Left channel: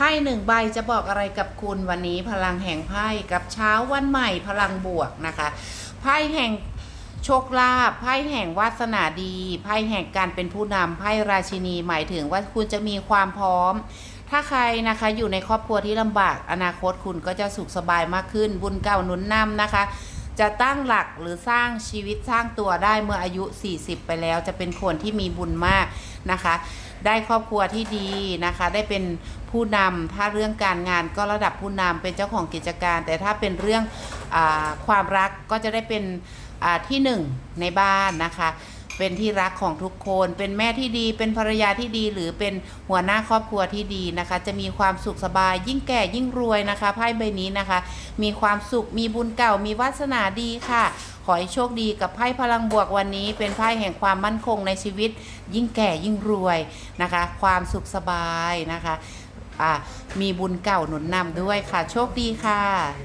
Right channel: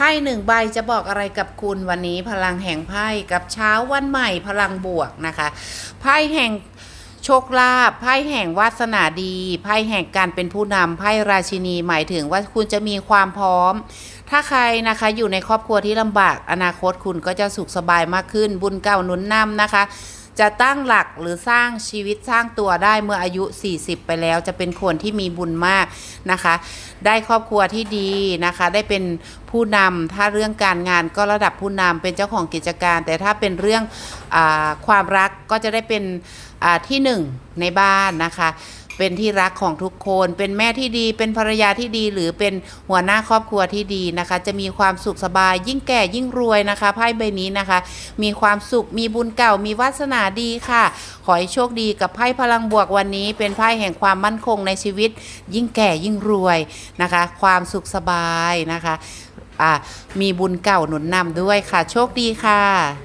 พ่หนึ่งใบจะบอกอะไรกับคุณวันนี้พลังแห่งไพ่กับเช้าวันใหม่พลังบวกนะคะ ไพ่แห่งโชคลาภไพ่แห่งวาสนาดีไพ่แห่งการเป็นผู้นำไพ่ราชินีหมายถึงว่าคุณจะมีความพร้อม ถ้าใครนะคะอยู่ในครอบครัวที่ลำบากอนาคตคุณก็จะสุขสบายมากขึ้น บุญเก่าหนุนนำนะคะ จะตั้งหลักหรือสร้างชีวิตสร้างตัวได้เมื่ออายุ 40 ไปแล้ว จะเป็นคนที่มีบุญมากนะคะ ได้ครอบครัวที่ดีนะคะ ได้เป็นผู้นำถ้าเรื่องการงานก็ระดับผู้นำเป็นเจ้าของกิจการ แต่ถ้าเป็นเรื่องอความรักก็จะได้เป็นที่หนึ่งในบ้านนะคะ เป็นที่รักของทุกคน เป็นแม่ที่ดี เป็นภรรยาที่ดี หรือเป็นหัวหน้าครอบครัวที่ดีนะคะ จะมีความสุขสบาย ยิ่งแก่ยิ่งรวยนะคะไพ่ใบนี้นะคะ มีความสุขมีบุญเก่ามีวาสนาดีค่ะ ขอให้โชคดีกับไพ่พลังบวกวันนี้ เป็นไพ่แห่งความมั่นคงในชีวิต ยิ่งแก่ยิ่งรวยนะคะ ความสุขสบายนะคะอ่ามีบุญเก่าหนุนนำด้วยค่ะ โชคดีค่ะ